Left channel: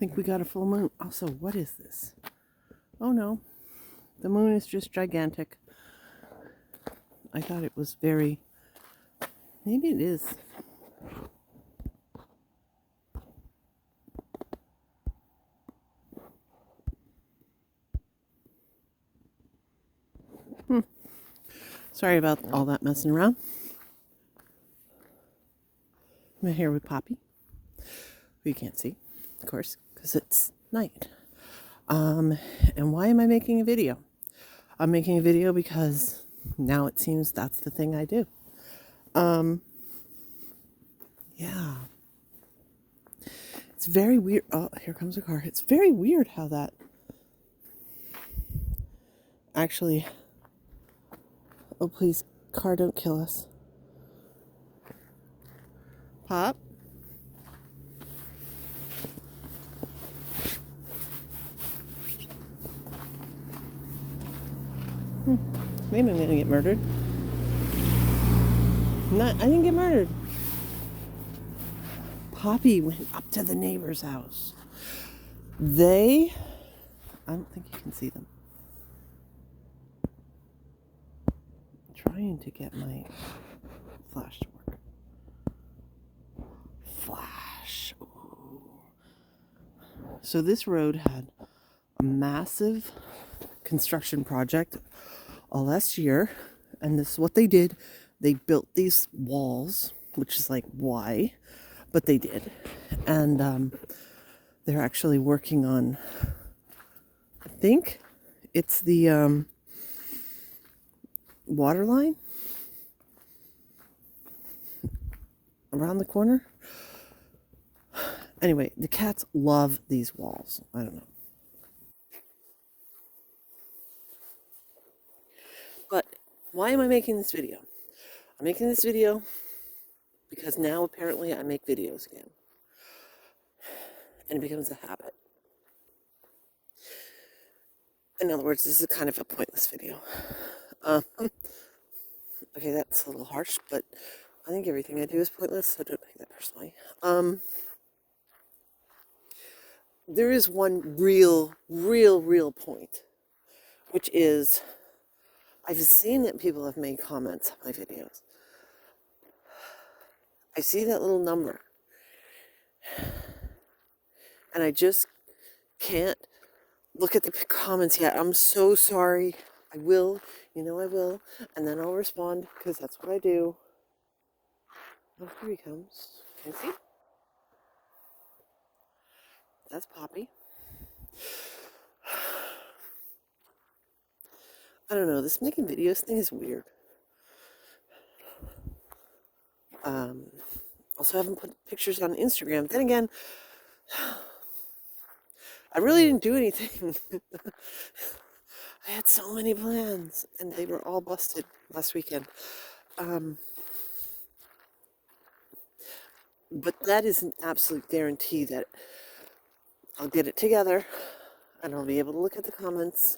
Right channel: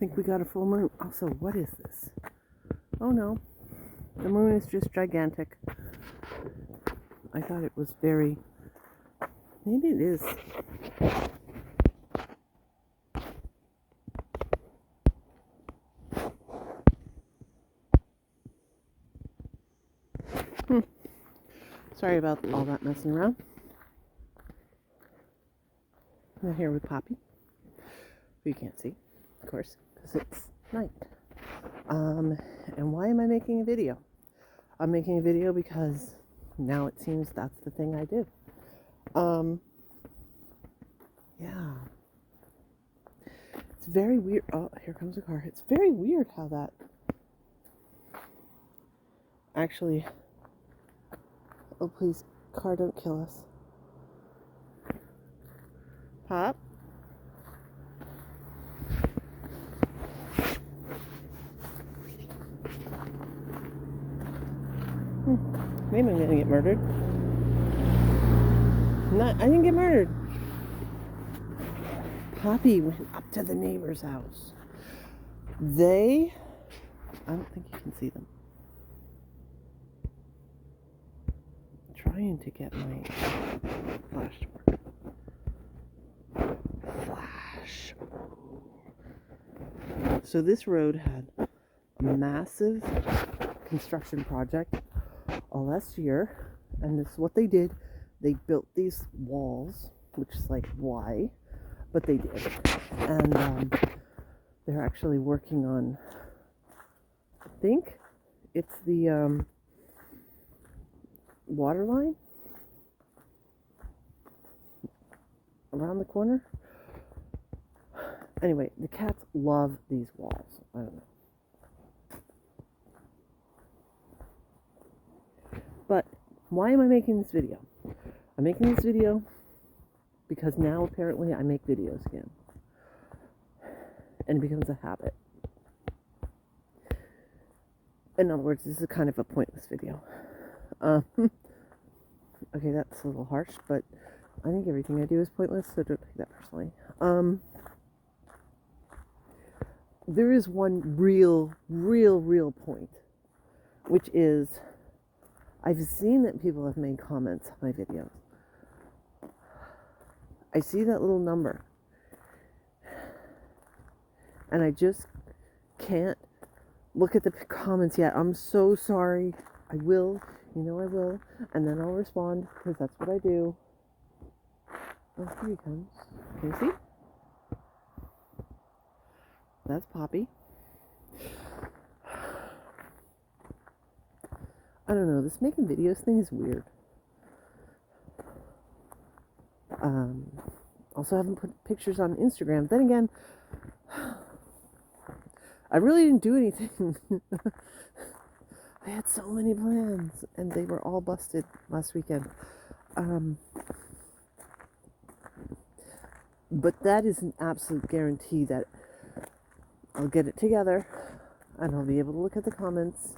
think we got a full moon. Also, what is this? Oh no, the moon is just gigantic. I thought it was very... Maybe it is. Sorry about all that messing around. I'm here with Poppy, who you can't see, of course, because it's night. And why am I making a video? I'm making a video because now it seems that's the thing I do. Yeah. It's very weird. Oh, here comes a car. It's very weird how that actually... Oh, please, car, don't kill us. Pop? Maybe I'm gonna get murdered. I didn't get murdered. Poppy went up to the neighbor's house. I don't think you can see them. I'm trying to get my flash to work. Flash. Ooh. So this road had a massive construction project last year, and this is what they did. They built these walls, which is like, why? But they did. And they're actually working on, I think it's the water line around the corner. Anyway, the cats love these walls. I don't know. But why am I making this video? I'm making this video because now apparently I make videos again. And it becomes a habit. In other words, this is kind of a pointless video. Okay, that's a little harsh, but I think everything I do is pointless, so don't take that personally. There is one real point, which is I've seen that people have made comments on my videos. I see that little number. And I just can't look at the comments yet. I'm so sorry. I will. I will. And then I'll respond, because that's what I do. Oh, here he comes. Can you see? That's Poppy. I don't know. This making videos thing is weird. Also, I haven't put pictures on Instagram. Then again, I really didn't do anything. I had so many plans, and they were all busted last weekend. But that is an absolute guarantee that I'll get it together, and I'll be able to look at the comments.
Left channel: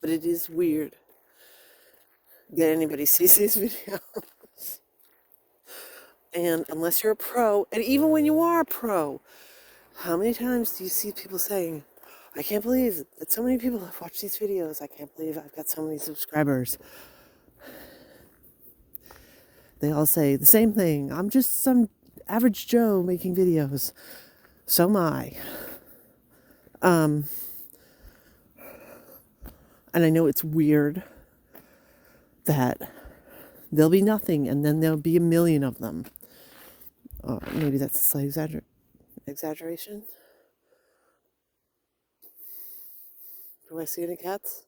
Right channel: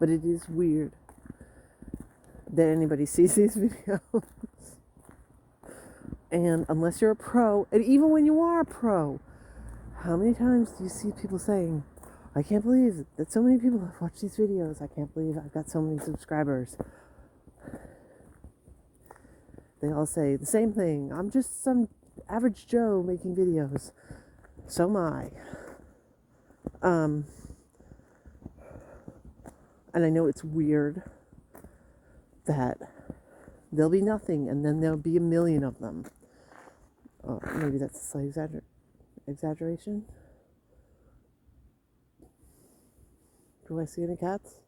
But it is weird that anybody sees these videos. And unless you're a pro, and even when you are a pro, how many times do you see people saying, I can't believe that so many people have watched these videos. I can't believe I've got so many subscribers. They all say the same thing. I'm just some average Joe making videos. So am I. And I know it's weird that there'll be nothing and then there'll be a million of them. Maybe that's a slight exaggeration. Do I see any cats?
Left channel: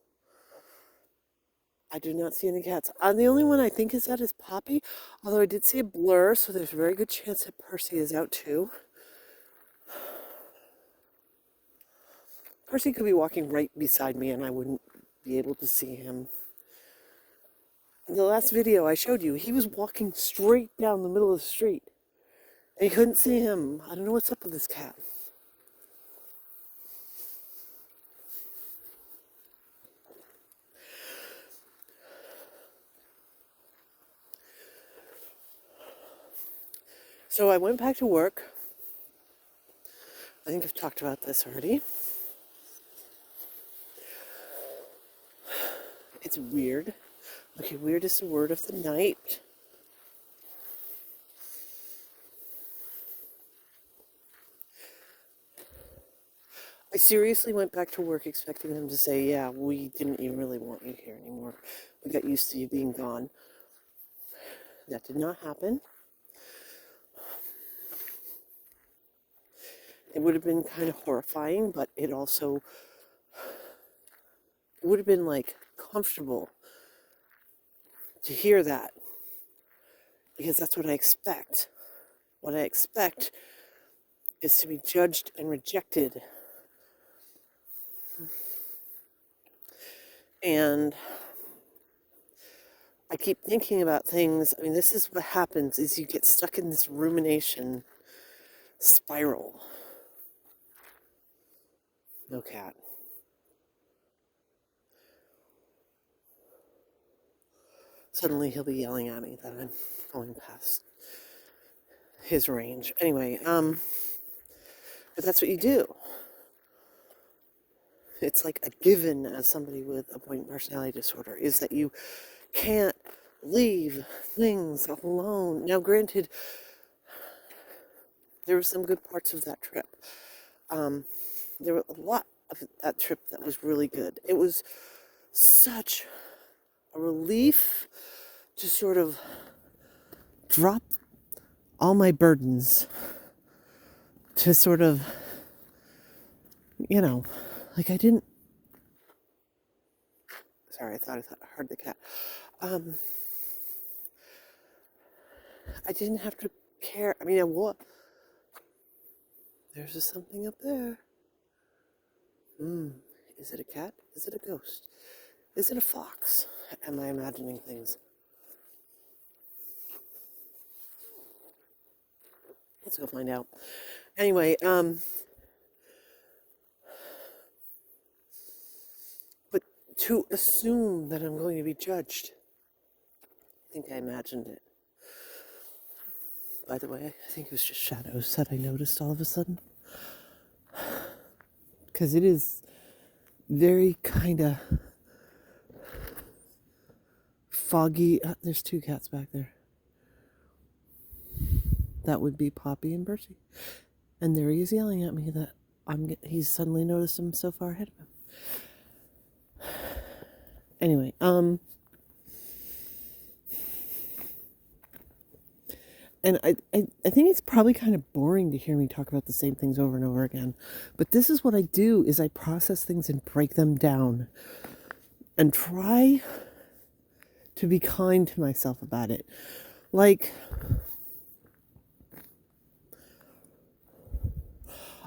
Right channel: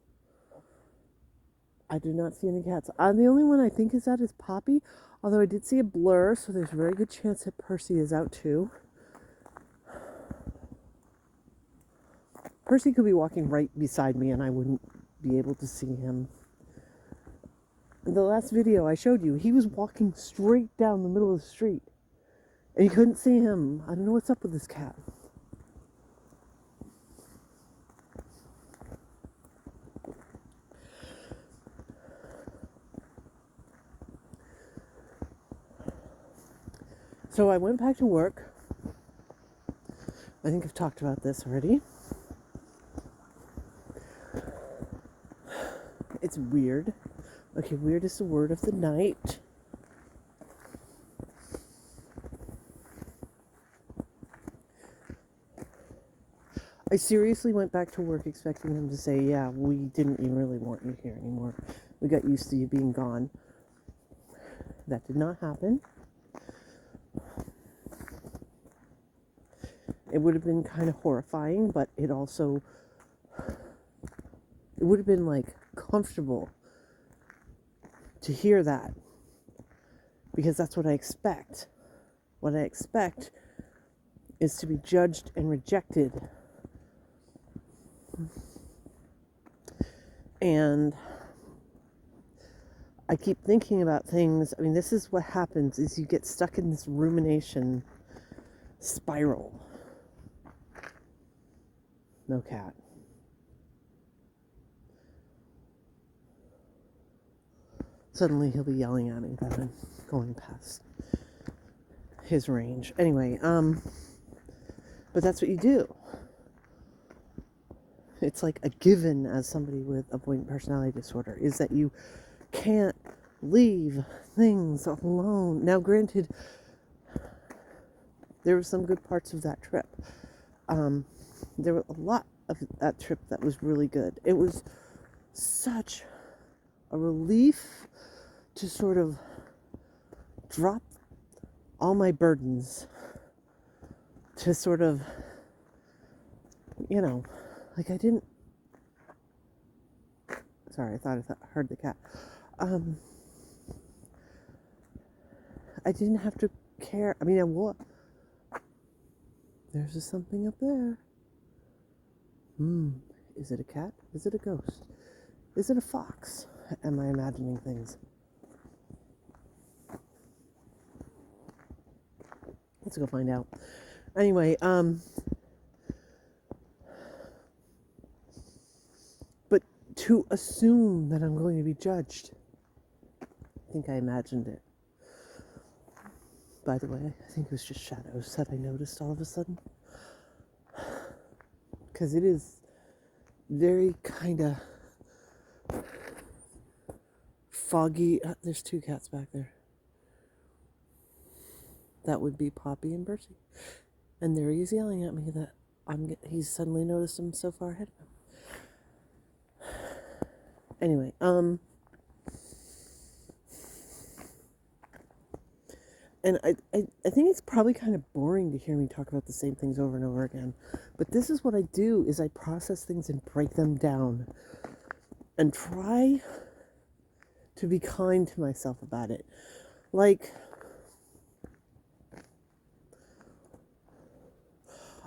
I do not see any cats. The only one I think is out is Poppy, although I did see a blur, so there's a very good chance that Percy is out too. Percy could be walking right beside me and I wouldn't be able to see him. In the last video I showed you, he was walking straight down the middle of the street and you couldn't see him. I don't know what's up with this cat. So I went back to work I think I've talked about this already. It's weird. Okay, weird is the word of the night. I seriously went back to work expecting them to say, yeah, we didn't even really want you here anymore. We got used to you being gone. That did not happen. It would have been kind of horrifying, but it also, it would have been like comfortable to hear that, because that's what I expect. What I expect is to be judged and rejected. And I keep thinking about things. I mean, this is what happens, is you get stuck in this rumination spiral. No cat. Suddenly he'll be yelling at me that I'm going past his range. Anyway, but that's what you do. It's like a given as somebody with avoidant personality disorder, is that you can't leave things alone. Now, granted, there were some good parts of that trip. There were a lot of that trip that was really good. It was such a relief to sort of drop all my burdens, to sort of, like I didn't, sorry, I thought I heard the cat. I didn't have to care. I mean, there's just something up there. Is it a cat? Is it a ghost? Is it a fox? Am I imagining things? Let's go find out. Anyway, but to assume that I'm going to be judged, I think I imagined it. By the way, I think it was just shadows that I noticed all of a sudden. Because it is very kind of foggy. There's two cats back there. That would be Poppy and Bertie. And there he is yelling at me that he's suddenly noticed I'm so far ahead of him. Anyway, and I think it's probably kind of boring to hear me talk about the same things over and over again. But this is what I do, is I process things and break them down. And try to be kind to myself about it. Like,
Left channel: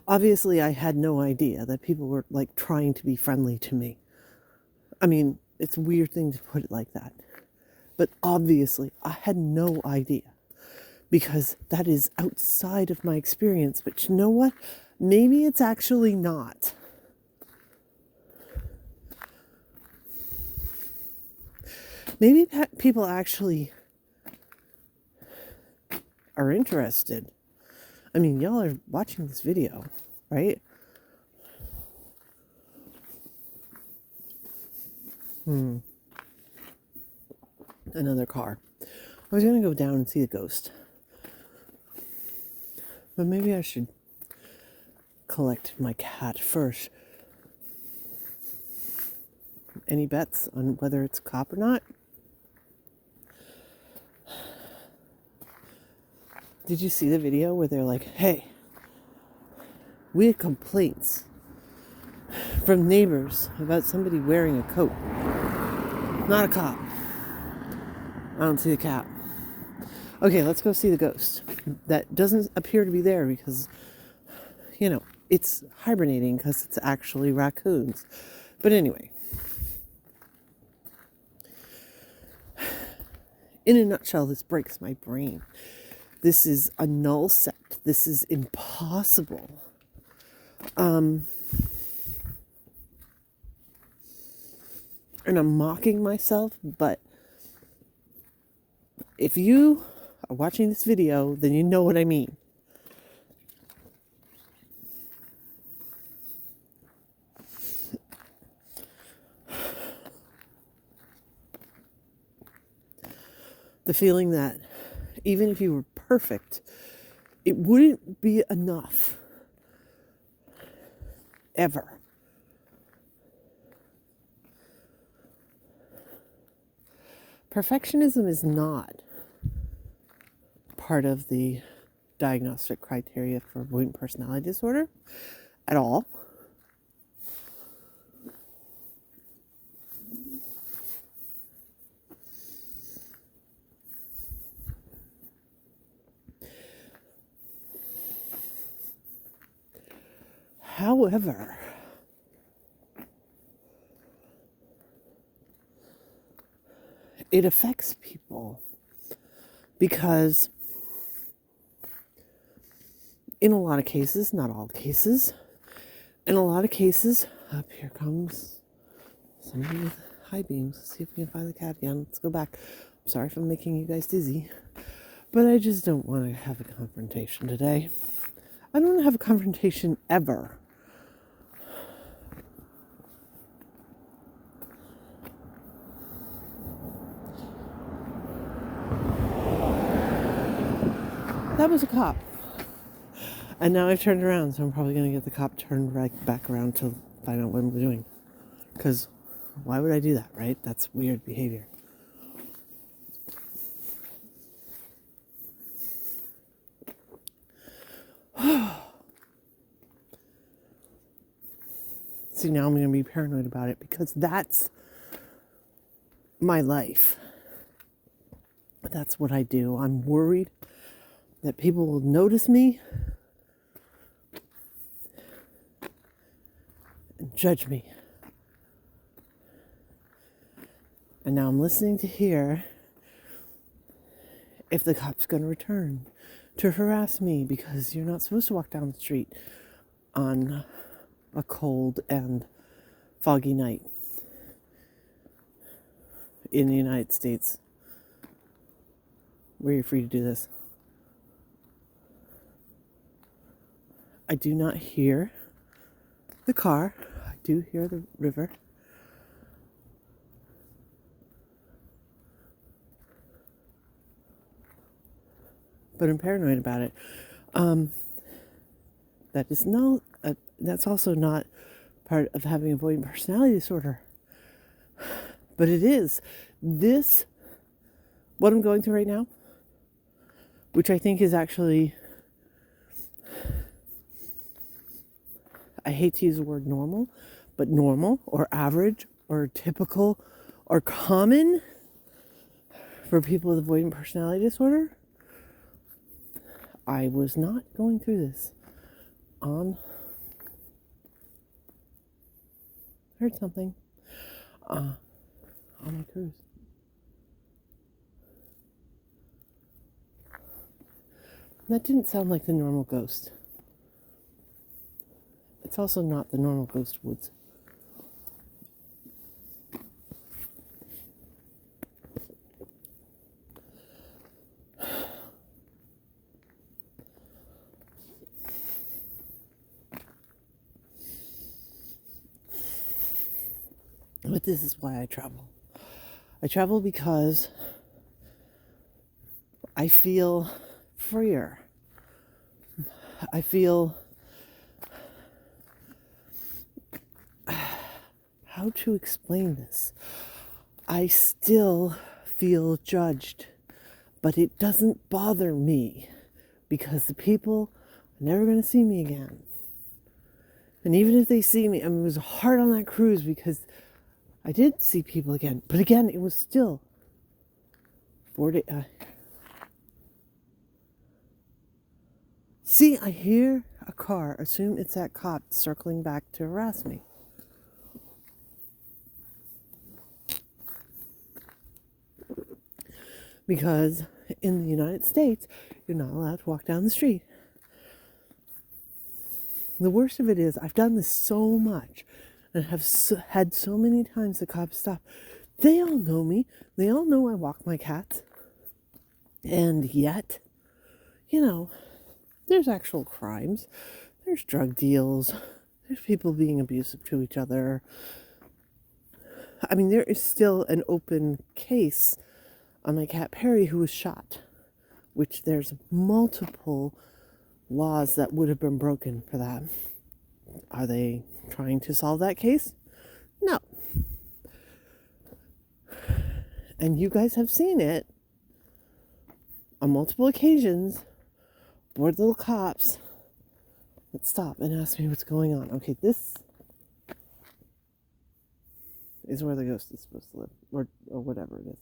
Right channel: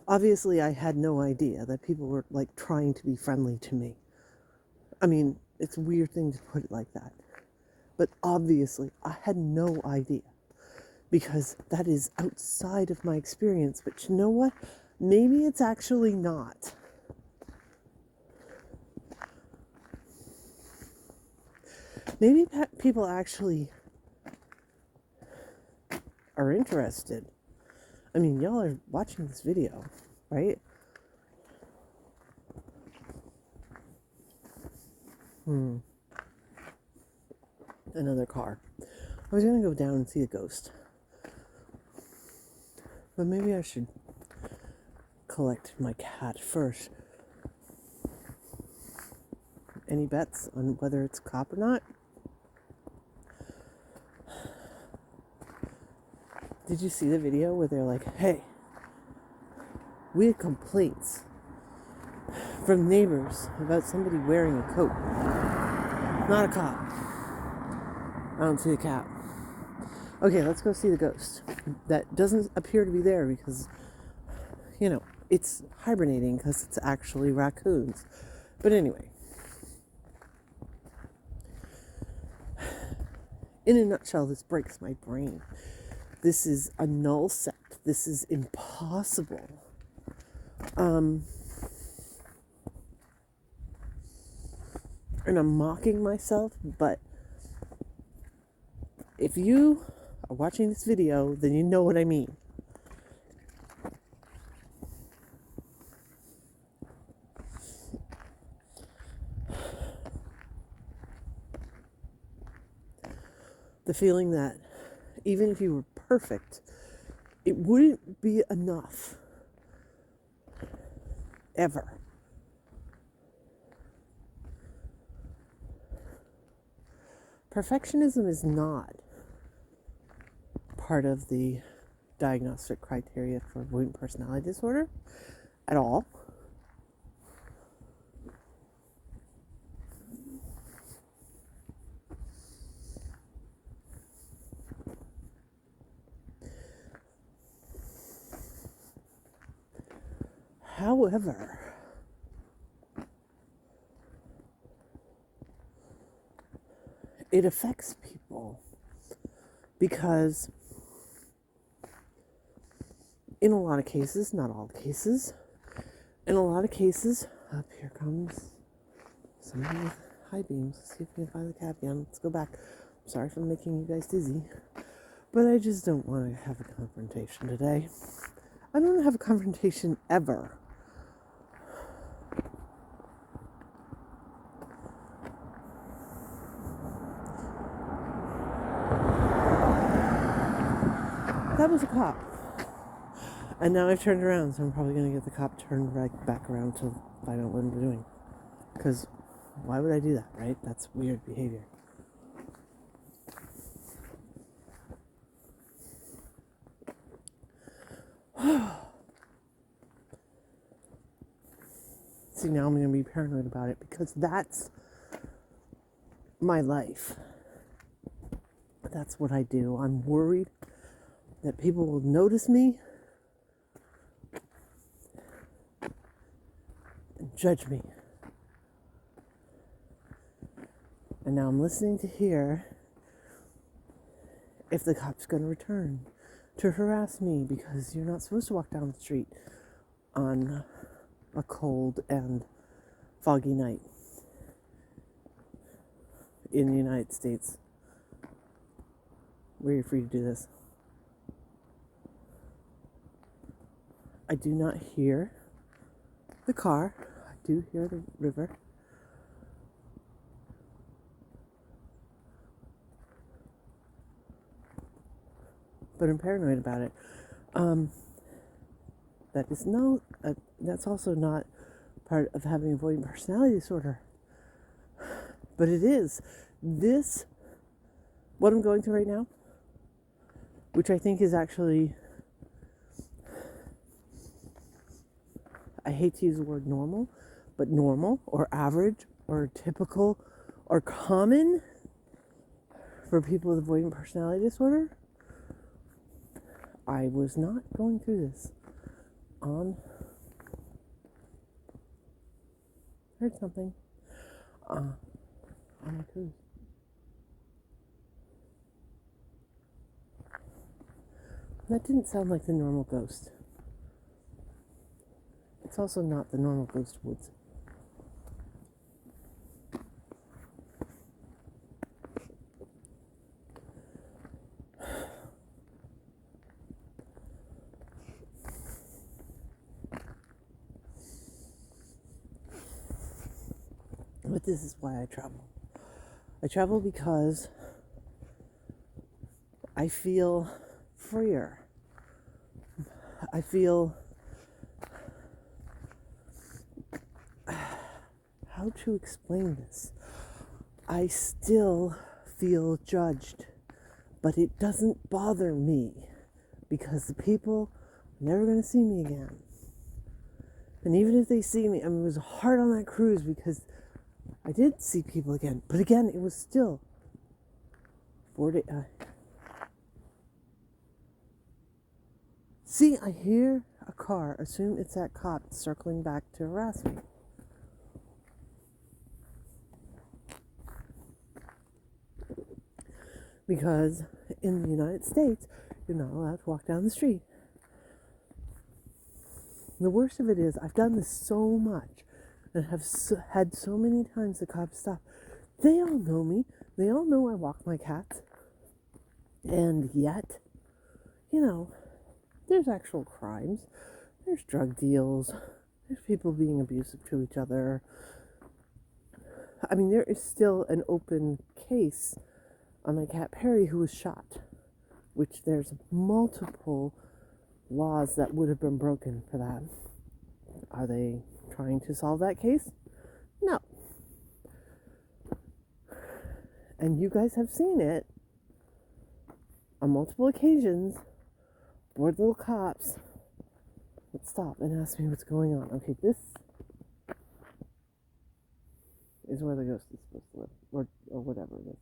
obviously I had no idea that people were like trying to be friendly to me. I mean, it's a weird thing to put it like that. But obviously I had no idea, because that is outside of my experience. But you know what? Maybe it's actually not. Maybe people actually are interested. I mean, y'all are watching this video, right? Another car. I was going to go down and see the ghost. But maybe I should collect my cat first. Any bets on whether it's a cop or not? Did you see the video where they're like, hey, we had complaints from neighbors about somebody wearing a coat? Not a cop. I don't see the cat. Okay, let's go see the ghost. That doesn't appear to be there because, it's hibernating because it's actually raccoons. But anyway, in a nutshell, this breaks my brain. This is a null set. This is impossible. And I'm mocking myself, but if you are watching this video, then you know what I mean. The feeling that even if you were perfect, it wouldn't be enough. Ever. Perfectionism is not part of the diagnostic criteria for avoidant personality disorder at all. However, it affects people because in a lot of cases, not all cases, in a lot of cases, up here comes somebody with high beams. Let's see if we can find the cat again. Let's go back. I'm sorry for making you guys dizzy, but I just don't want to have a confrontation today. I don't want to have a confrontation ever. That was a cop. And now I've turned around, so I'm probably going to get the cop turned right back around to find out what I'm doing. Because why would I do that, right? That's weird behavior. See, now I'm going to be paranoid about it because that's my life. That's what I do. I'm worried that people will notice me and judge me. And now I'm listening to hear if the cop's going to return to harass me because you're not supposed to walk down the street on a cold and foggy night in the United States where you're free to do this. I do not hear the car. I do hear the river. But I'm paranoid about it. That's also not part of having avoidant personality disorder. But it is. What I'm going through right now, which I think is actually, I hate to use the word normal, but normal or average or typical or common for people with avoidant personality disorder. I was not going through this on, heard something, on my cruise. That didn't sound like the normal ghost. It's also not the normal ghost woods. But this is why I travel. I travel because I feel freer. I feel, how to explain this? I still feel judged, but it doesn't bother me because the people are never going to see me again. And even if they see me, I mean, it was hard on that cruise because I did see people again, but again, it was still 4 days. See, I hear a car. Assume it's that cop circling back to harass me. Because in the United States, you're not allowed to walk down the street. The worst of it is, I've done this so much and have had so many times the cops stop. They all know me. They all know I walk my cats. And yet, there's actual crimes. There's drug deals. There's people being abusive to each other. I mean, there is still an open case on my cat Perry, who was shot, which there's multiple laws that would have been broken for that. Are they trying to solve that case? No. And you guys have seen it on multiple occasions. Bored little cops would stop and ask me what's going on. Okay, this is where the ghost is supposed to live, or whatever it is.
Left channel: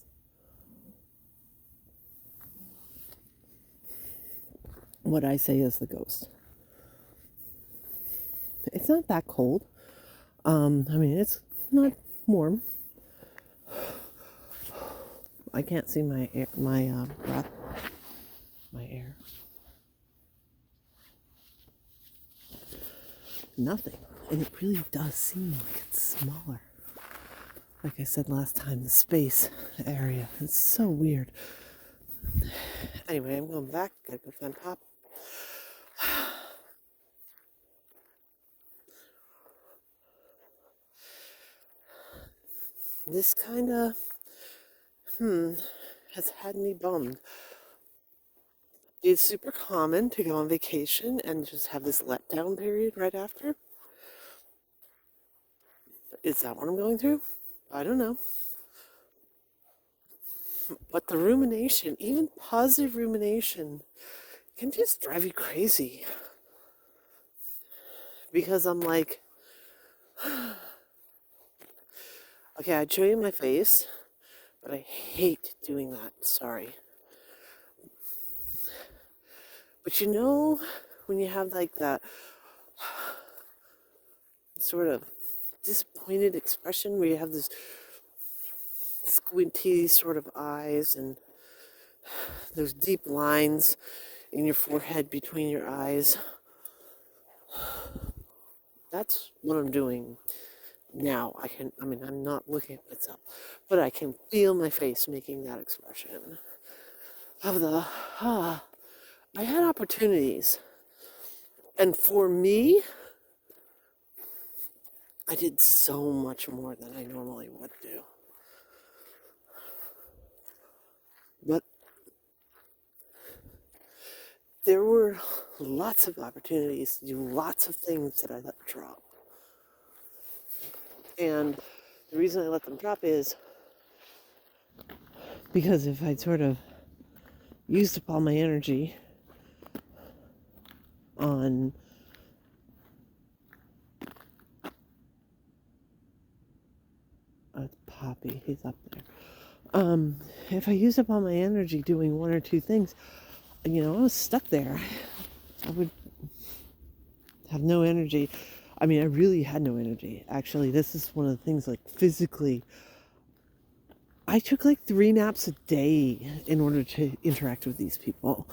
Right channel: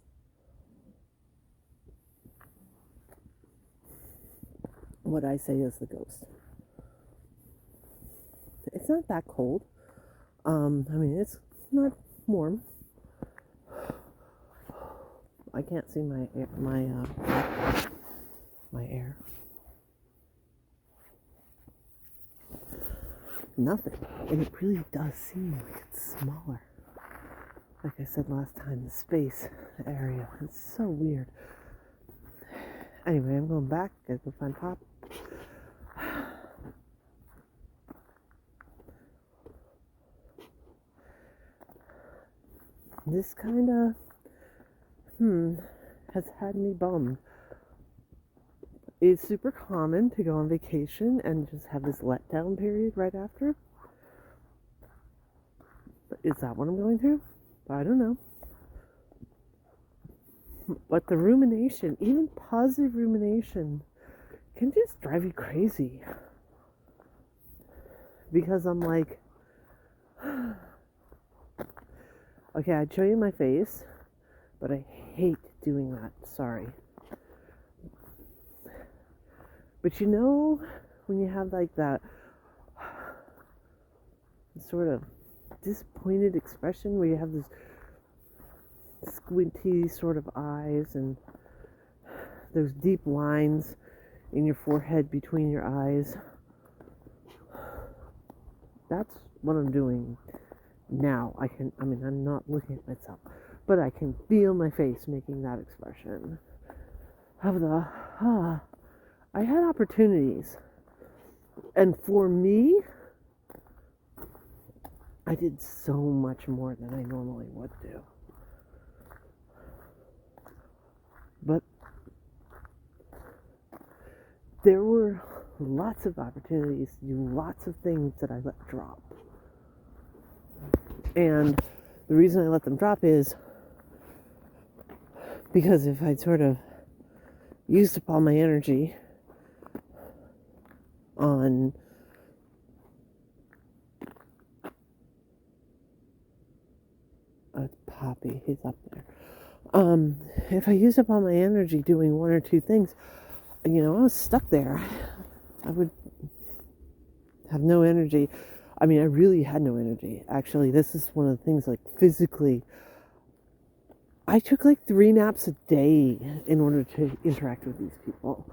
What I say is the ghost. It's not that cold. I mean, it's not warm. I can't see my air, my air. Nothing. And it really does seem like it's smaller. Like I said last time, the space area. It's so weird. Anyway, I'm going back. Gotta go find Pop. This kind of, has had me bummed. It's super common to go on vacation and just have this letdown period right after. But is that what I'm going through? I don't know. But the rumination, even positive rumination, can just drive you crazy. Because I'm like, okay, I'd show you my face, but I hate doing that. Sorry. But you know, when you have like that sort of disappointed expression where you have this squinty sort of eyes and those deep lines in your forehead between your eyes. That's what I'm doing now. I'm not looking at myself, but I can feel my face making that expression of the, I had opportunities. And for me, I did so much more than I normally would do. But there were lots of opportunities to do lots of things that I let drop. And the reason I let them drop is because if I'd sort of used up all my energy on Poppy, he's up there. If I used up all my energy doing one or two things, I was stuck there. I would have no energy. I mean, I really had no energy. Actually, this is one of the things, like, physically, I took like 3 naps a day in order to interact with these people.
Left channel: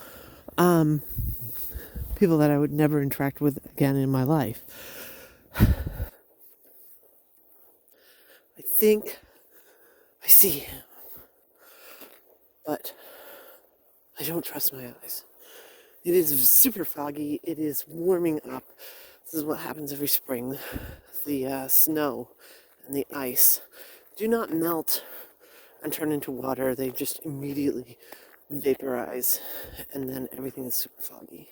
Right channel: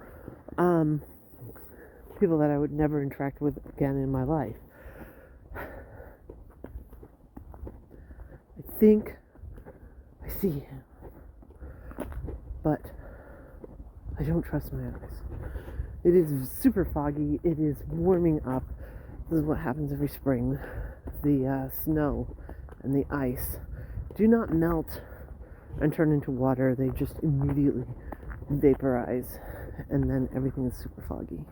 People that I would never interact with again in my life. I think I see him, but I don't trust my eyes. It is super foggy. It is warming up. This is what happens every spring. The snow and the ice do not melt and turn into water. They just immediately vaporize, and then everything is super foggy.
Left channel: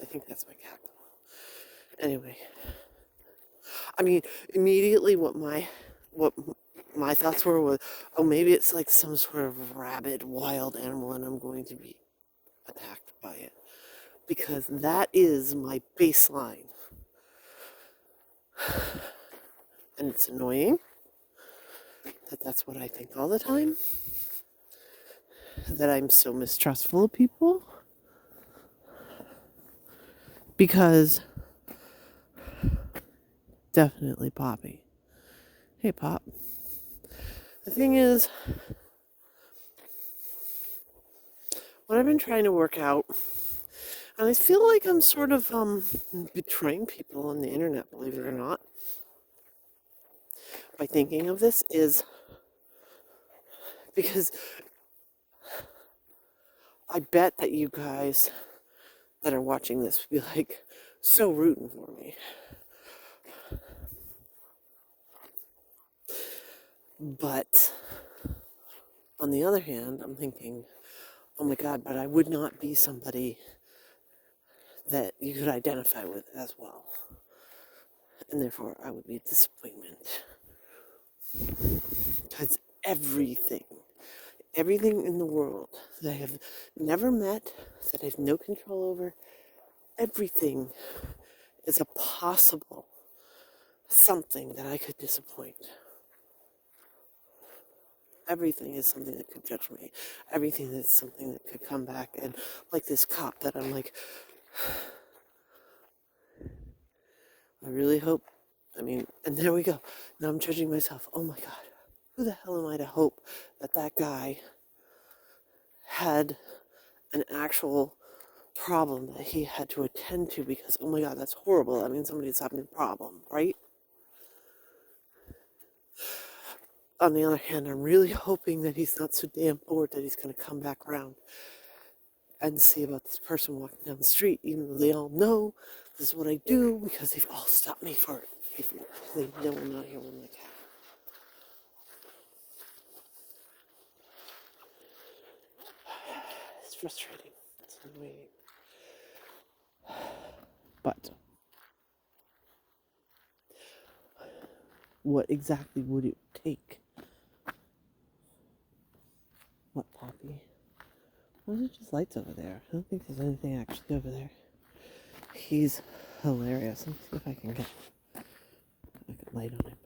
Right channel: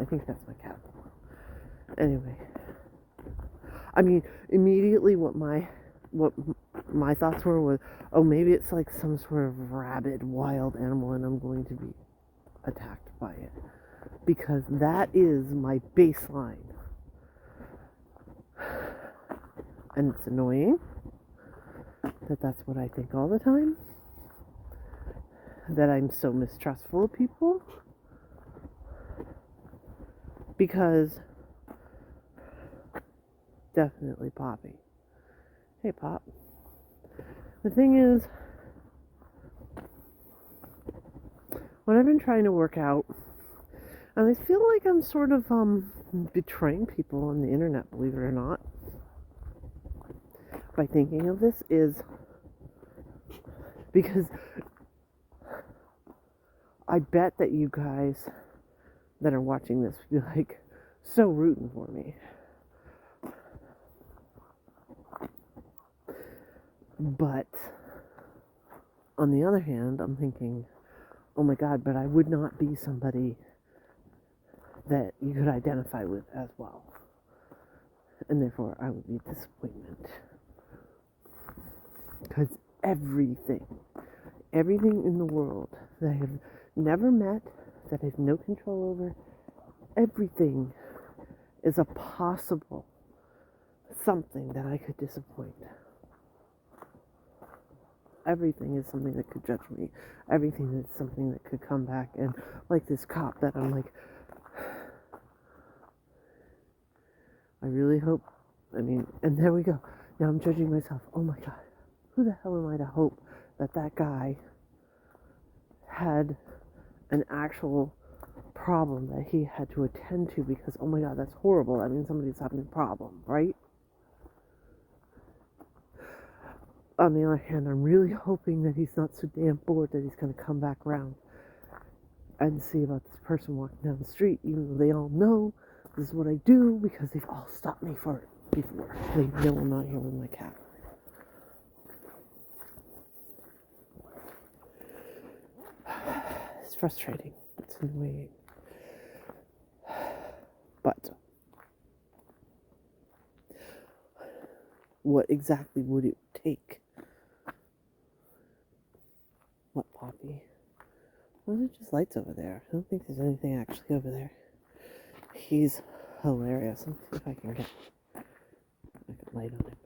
I think that's my cat. Anyway, I mean, immediately what my thoughts were was, oh, maybe it's like some sort of rabid wild animal and I'm going to be attacked by it. Because that is my baseline. And it's annoying that that's what I think all the time. That I'm so mistrustful of people. Because definitely Poppy. Hey, Pop. The thing is, what I've been trying to work out, and I feel like I'm sort of betraying people on the internet, believe it or not, by thinking of this, is because I bet that you guys that are watching this would be like so rooting for me. But on the other hand, I'm thinking, oh my God, but I would not be somebody that you could identify with as well. And therefore, I would be a disappointment. Because everything in the world that I have never met, that I have no control over, everything is a possible something that I could disappoint. Everything is something that could judge me. Everything is something that could come back. And like this cop that I'm like, I really hope, and there we go. Now I'm judging myself. Oh my God, who the hell am I to hope that that guy had an actual problem that he had to attend to, because, oh my God, that's horrible. That means somebody's having a problem, right? On the other hand, I'm really hoping that he's not so damn bored that he's going to come back around and see about this person walking down the street, even though they all know this is what I do, because they've all stopped me for it before. They know I'm not here with my cat. It's frustrating. It's annoying. But what exactly would it take? What, Poppy? Those are just lights over there. I don't think there's anything actually over there. He's hilarious. Let me see if I can get a good light on him.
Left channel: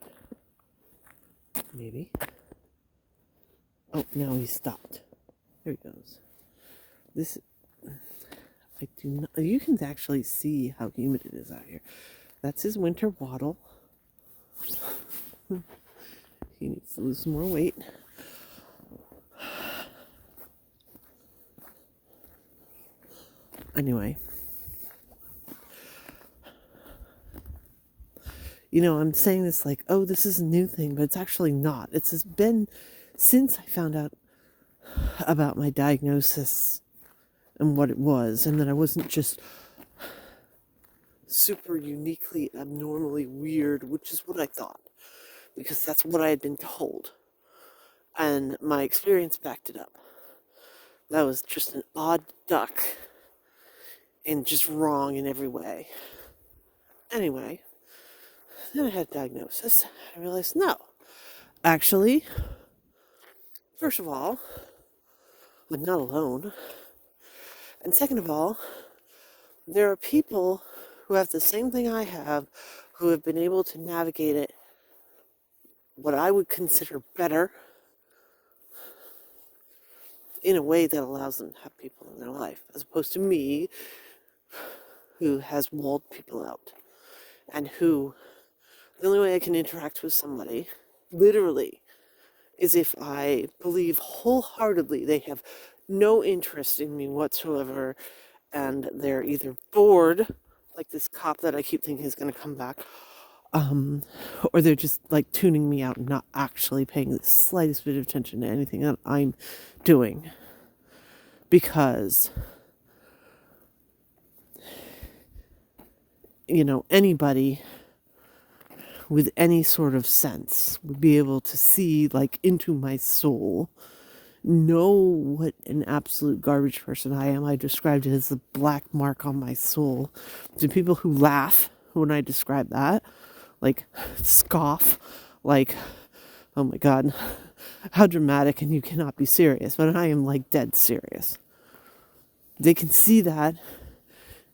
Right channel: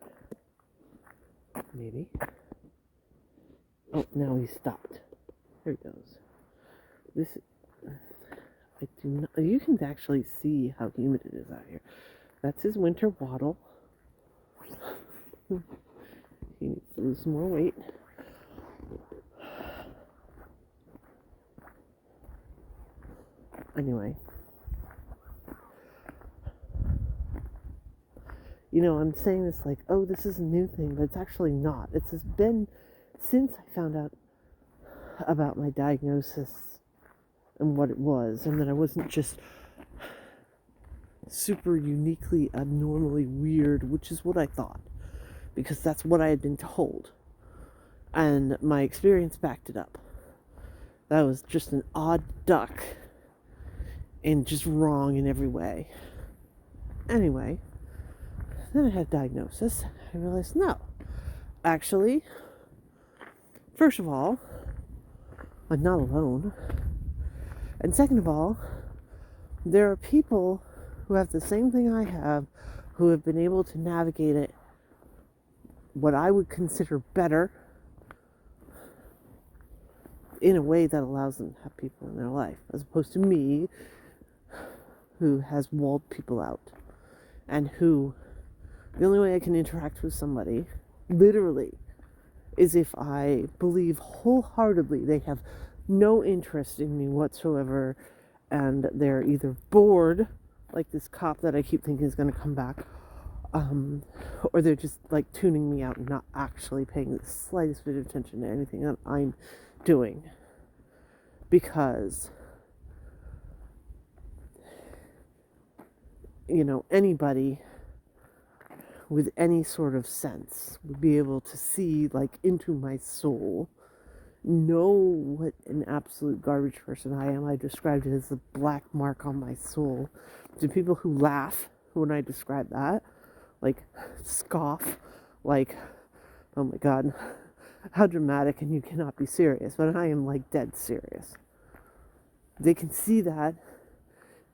Maybe. Oh, now he's stopped. There he goes. This, I do not, you can actually see how humid it is out here. That's his winter waddle. He needs to lose some more weight. Anyway. I'm saying this like, oh, this is a new thing, but it's actually not. It's been since I found out about my diagnosis and what it was, and that I wasn't just super uniquely, abnormally weird, which is what I thought, because that's what I had been told, and my experience backed it up. That was just an odd duck and just wrong in every way. Anyway, then I had a diagnosis. I realized, no, actually, first of all, I'm not alone. And second of all, there are people who have the same thing I have, who have been able to navigate it what I would consider better, in a way that allows them to have people in their life, as opposed to me, who has walled people out, and who, the only way I can interact with somebody, literally, is if I believe wholeheartedly they have no interest in me whatsoever, and they're either bored, like this cop that I keep thinking is going to come back, or they're just like tuning me out and not actually paying the slightest bit of attention to anything that I'm doing. Because, anybody with any sort of sense would be able to see, like, into my soul, know what an absolute garbage person I am. I described it as the black mark on my soul. To people who laugh when I describe that, like, scoff, like, oh my God, how dramatic, and you cannot be serious. But I am, like, dead serious. They can see that,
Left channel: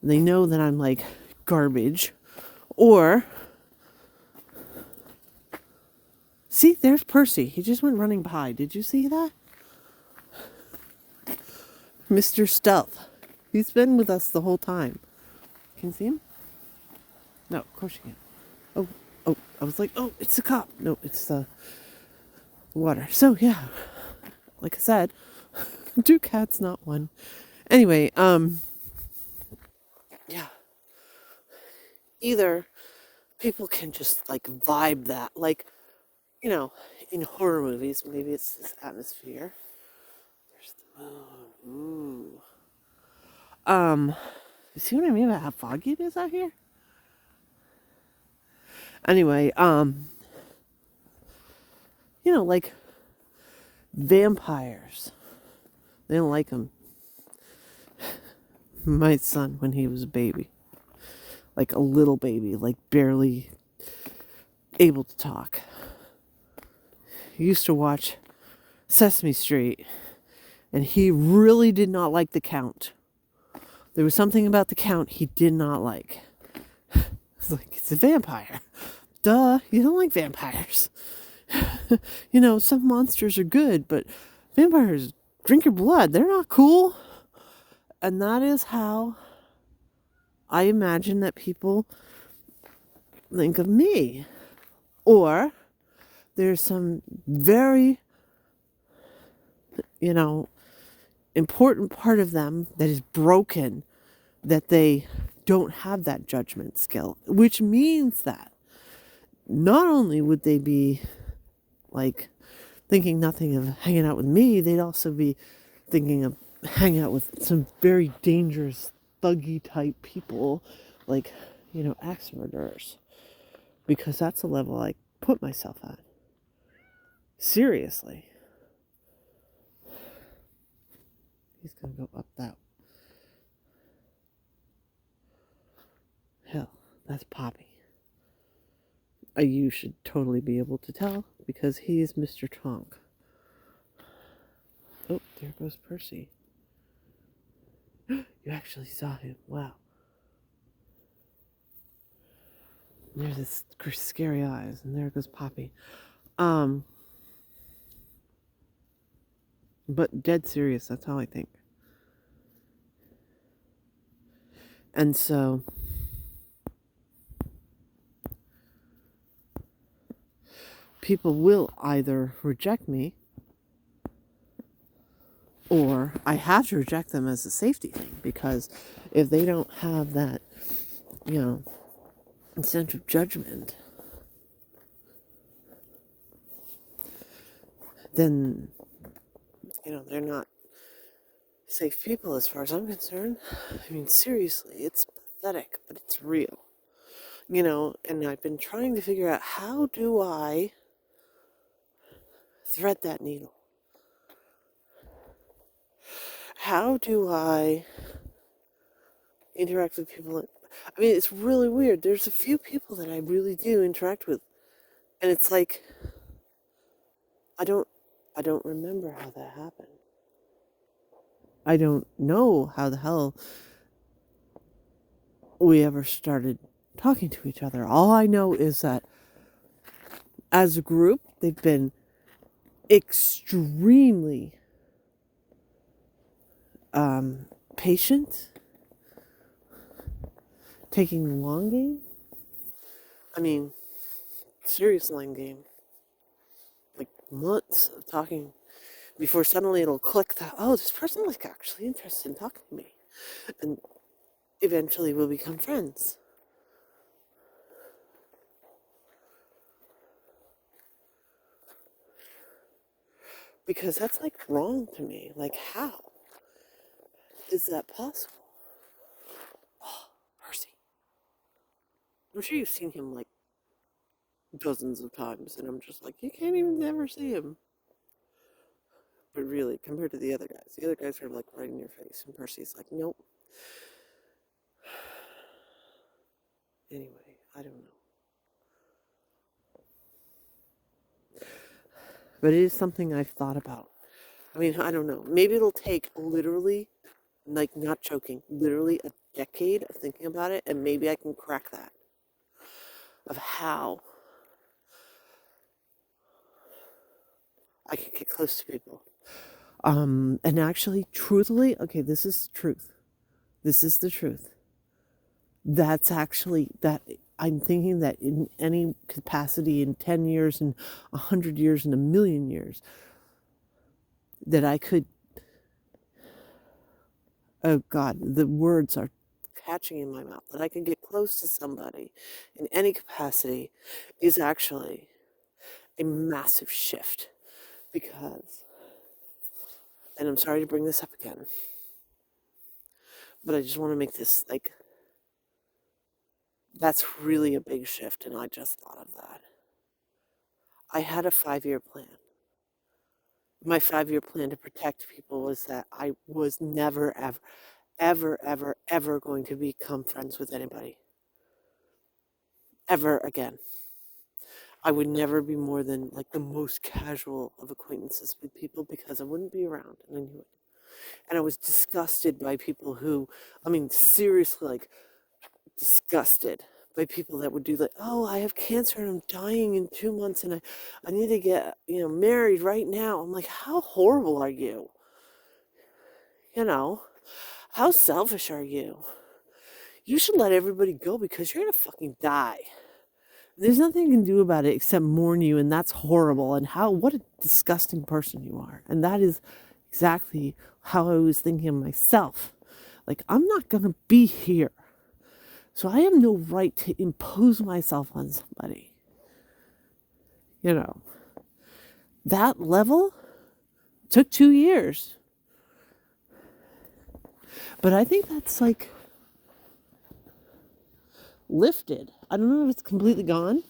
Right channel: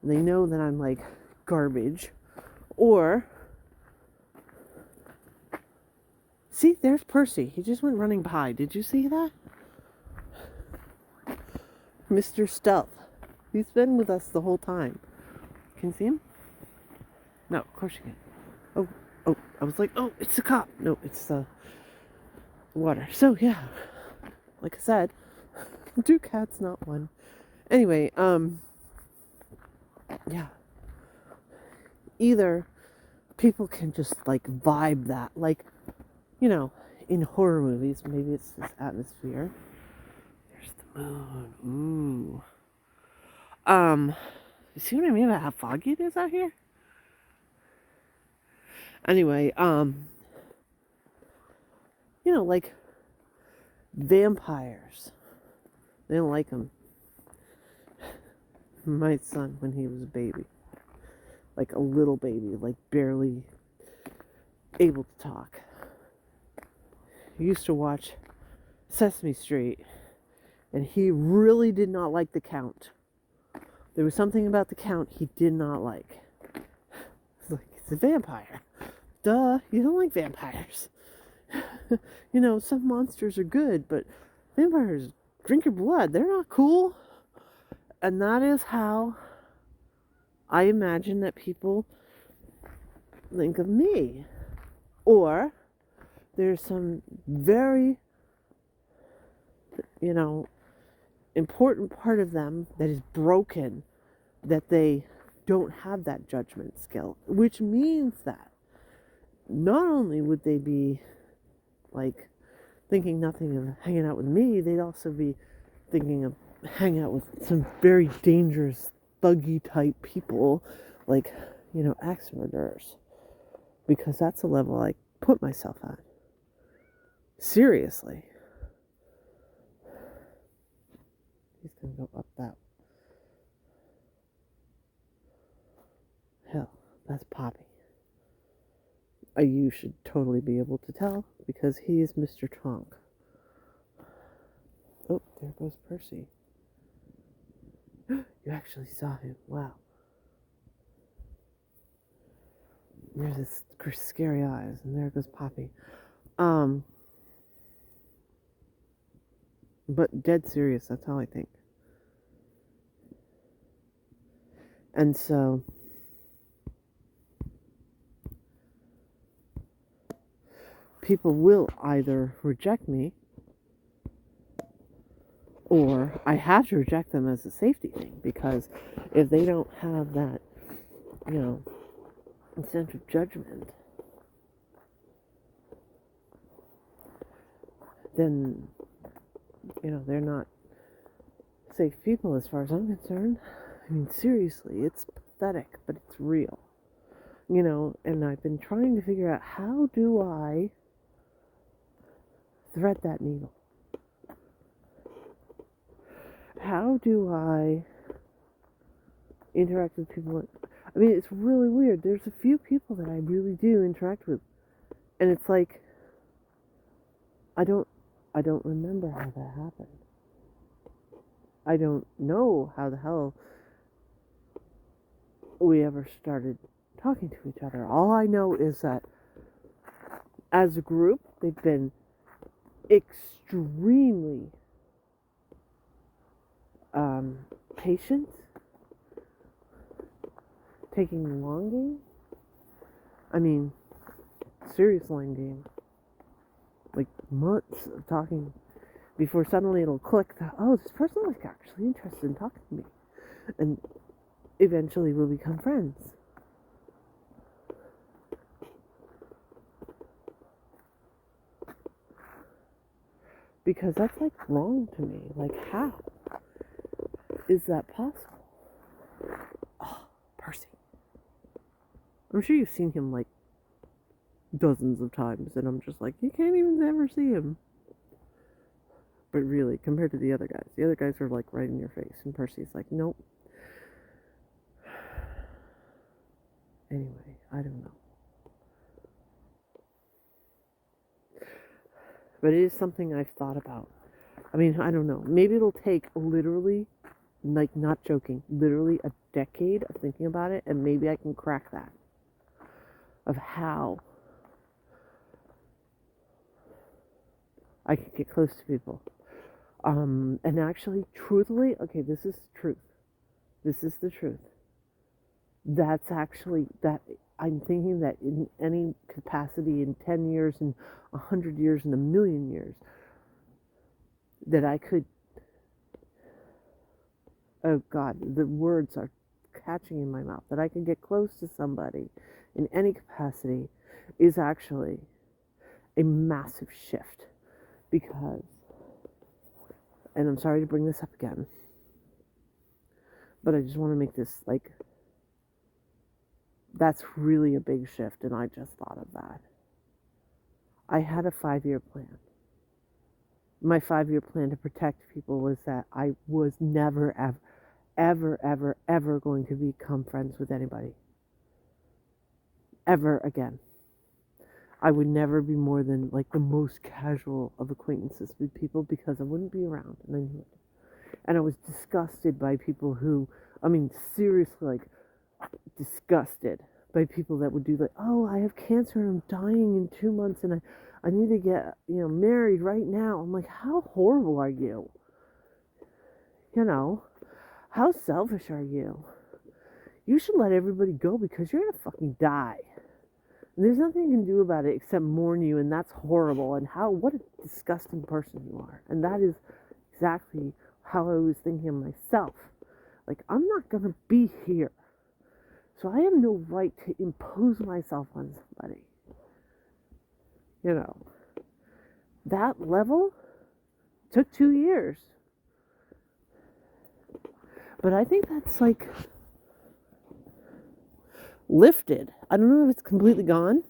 and they know that I'm, like, garbage. Or, see, there's Percy. He just went running by. Did you see that? Mr. Stealth. He's been with us the whole time. Can you see him? No, of course you can. Oh, I was like, oh, it's the cop. No, it's the water. So, yeah, like I said, 2 cats, not 1. Anyway, yeah. Either people can just, like, vibe that, like, in horror movies, maybe it's this atmosphere. There's the moon. Ooh. You see what I mean about how foggy it is out here? Anyway, like vampires. They didn't like them. My son, when he was a baby, like a little baby, like barely able to talk, he used to watch Sesame Street, and he really did not like the Count. There was something about the Count he did not like. It's like, it's a vampire. Duh, you don't like vampires. Some monsters are good, but vampires drink your blood. They're not cool. And that is how I imagine that people think of me. Or there's some very, important part of them that is broken, that they don't have that judgment skill, which means that not only would they be like thinking nothing of hanging out with me, they'd also be thinking of hanging out with some very dangerous, thuggy type people, like, axe murderers. Because that's the level I put myself at. Seriously. He's gonna go up that. Hell, that's Poppy. You should totally be able to tell, because he is Mr. Tonk. Oh, there goes Percy. You actually saw him. Wow. There's his scary eyes, and there goes Poppy. But dead serious, that's how I think. And so people will either reject me, or I have to reject them as a safety thing, because if they don't have that, sense of judgment, then, they're not safe people as far as I'm concerned. I mean, seriously, it's pathetic, but it's real. And I've been trying to figure out, how do I thread that needle? How do I interact with people? I mean, it's really weird. There's a few people that I really do interact with, and it's like, I don't remember how that happened. I don't know how the hell we ever started talking to each other. All I know is that as a group, they've been extremely patient, taking the long game. I mean, serious long game. Like months of talking before suddenly it'll click that, oh, this person is actually interested in talking to me. And eventually we'll become friends. Because that's like wrong to me. Like, how is that possible? Oh, Percy. I'm sure you've seen him like dozens of times, and I'm just like, you can't even ever see him. But really, compared to the other guys are like right in your face, and Percy's like, nope. Anyway, I don't know. But it is something I've thought about. I mean, I don't know. Maybe it'll take literally, like, not joking, literally a decade of thinking about it, and maybe I can crack that. Of how I could get close to people. And actually, truthfully, okay, this is the truth. This is the truth. That's actually, that I'm thinking that in any capacity, in 10 years, in 100 years, in a million years, that I could, oh God, the words are catching in my mouth, that I could get close to somebody in any capacity is actually a massive shift. Because, and I'm sorry to bring this up again, but I just want to make this like, that's really a big shift, and I just thought of that. I had a 5-year plan. My 5-year plan to protect people was that I was never, ever, ever, ever, ever going to become friends with anybody. Ever again. I would never be more than like the most casual of acquaintances with people because I wouldn't be around, and I knew it. And I was disgusted by people who, I mean, seriously, like, disgusted by people that would do like, oh, I have cancer and I'm dying in 2 months and I need to get, married right now. I'm like, how horrible are you? How selfish are you? You should let everybody go because you're going to fucking die. And there's nothing you can do about it except mourn you, and that's horrible. And what a disgusting person you are. And that is exactly how I was thinking of myself. Like, I'm not going to be here. So I have no right to impose myself on somebody. That level took 2 years. But I think that's like lifted. I don't know if it's completely gone.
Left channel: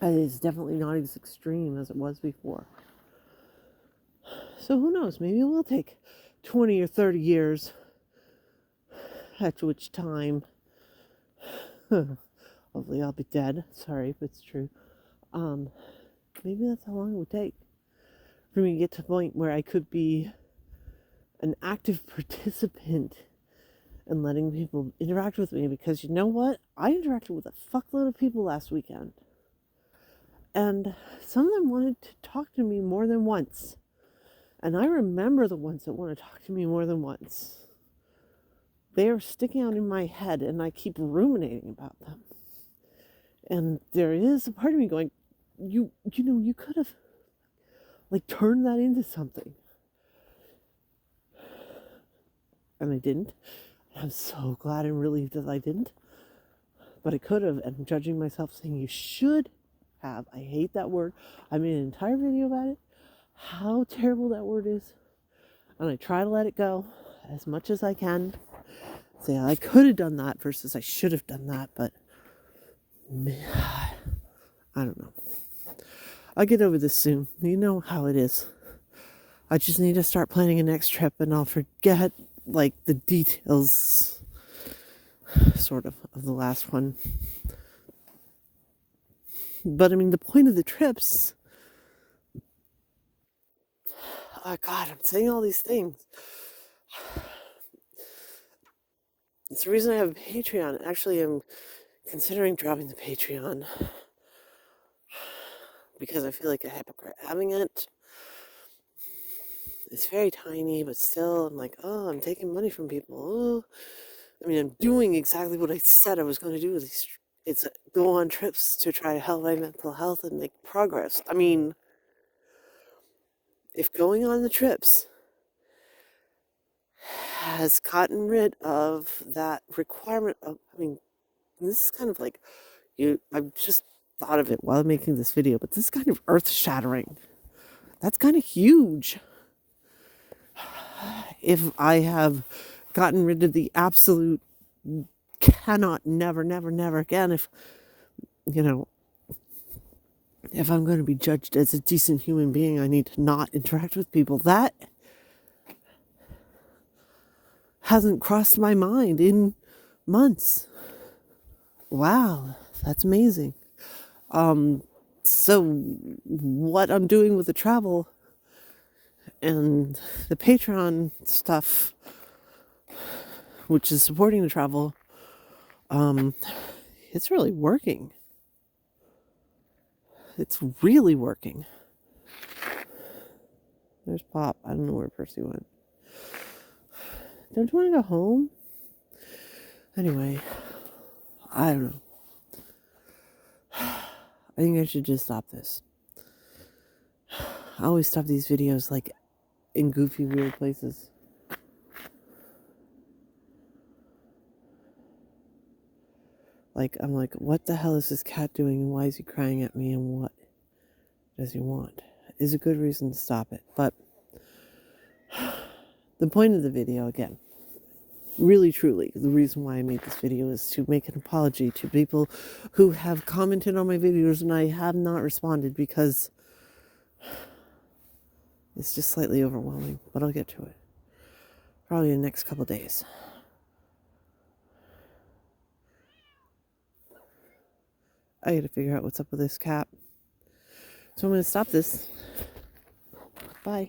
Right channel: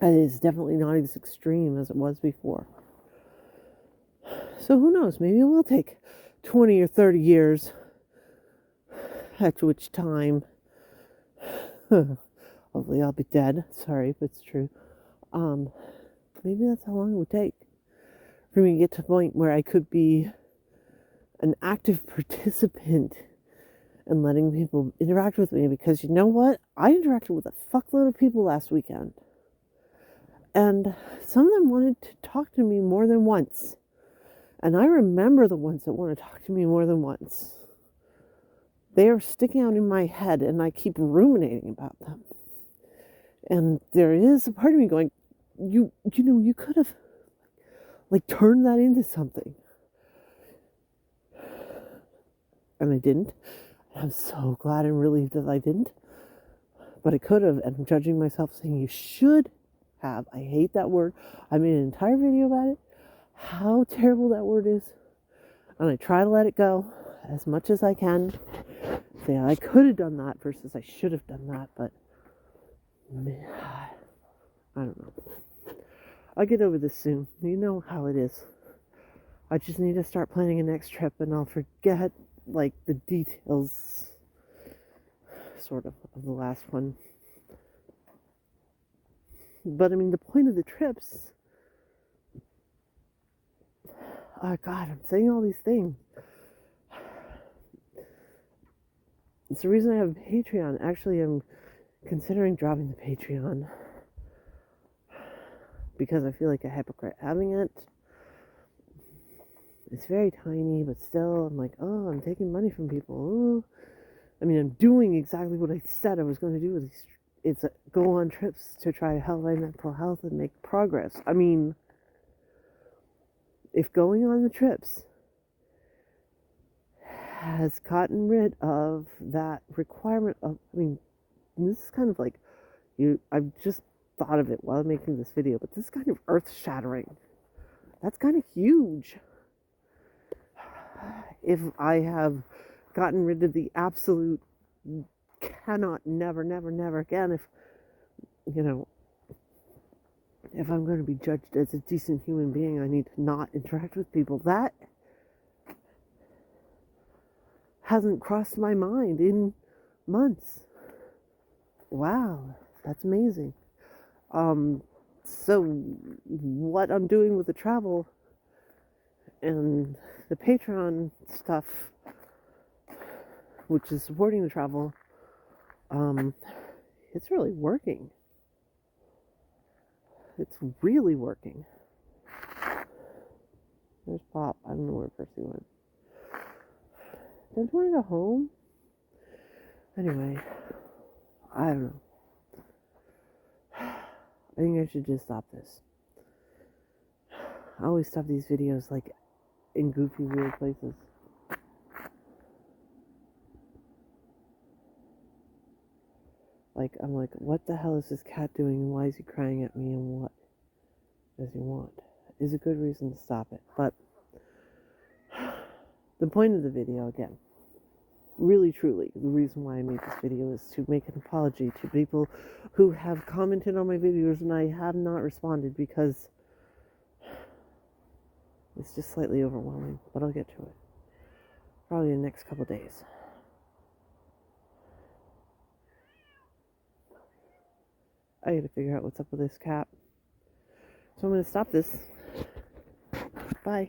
It is definitely not as extreme as it was before. So who knows? Maybe it will take 20 or 30 years. After which time, hopefully I'll be dead. Sorry, but it's true. Maybe that's how long it would take for me to get to the point where I could be an active participant in letting people interact with me. Because you know what? I interacted with a fuckload of people last weekend. And some of them wanted to talk to me more than once. And I remember the ones that want to talk to me more than once. They are sticking out in my head, and I keep ruminating about them. And there is a part of me going, you could have, like, turned that into something. And I didn't. I'm so glad and relieved that I didn't. But I could have, and I'm judging myself saying you should have. I hate that word. I made an entire video about it. How terrible that word is. And I try to let it go as much as I can. Say I could have done that versus I should have done that, but I don't know. I'll get over this soon. You know how it is. I just need to start planning a next trip, and I'll forget, like, the details, sort of the last one. But, I mean, the point of the trips... Oh, God, I'm saying all these things. It's the reason I have a Patreon. Actually, I'm considering dropping the Patreon because I feel like a hypocrite having it. It's very tiny, but still, I'm like, oh, I'm taking money from people. Oh. I mean, I'm doing exactly what I said I was going to do with these. It's go on trips to try to help my mental health and make progress. I mean, if going on the trips has gotten rid of that requirement of, I mean, this is kind of like, I've just thought of it while making this video, but this is kind of earth-shattering. That's kind of huge. If I have gotten rid of the absolute cannot, never, never, never again, if I'm going to be judged as a decent human being, I need to not interact with people. That hasn't crossed my mind in months. Wow, that's amazing. So what I'm doing with the travel and the Patreon stuff, which is supporting the travel, it's really working. It's really working. There's Pop. I don't know where Percy went. Don't you want to go home? Anyway, I don't know. I think I should just stop this. I always stop these videos like in goofy, weird places. Like, I'm like, what the hell is this cat doing, and why is he crying at me, and what does he want? Is a good reason to stop it. But the point of the video, again, really, truly, the reason why I made this video is to make an apology to people who have commented on my videos and I have not responded because it's just slightly overwhelming, but I'll get to it. Probably in the next couple days. I gotta figure out what's up with this cat. So I'm gonna stop this. Bye.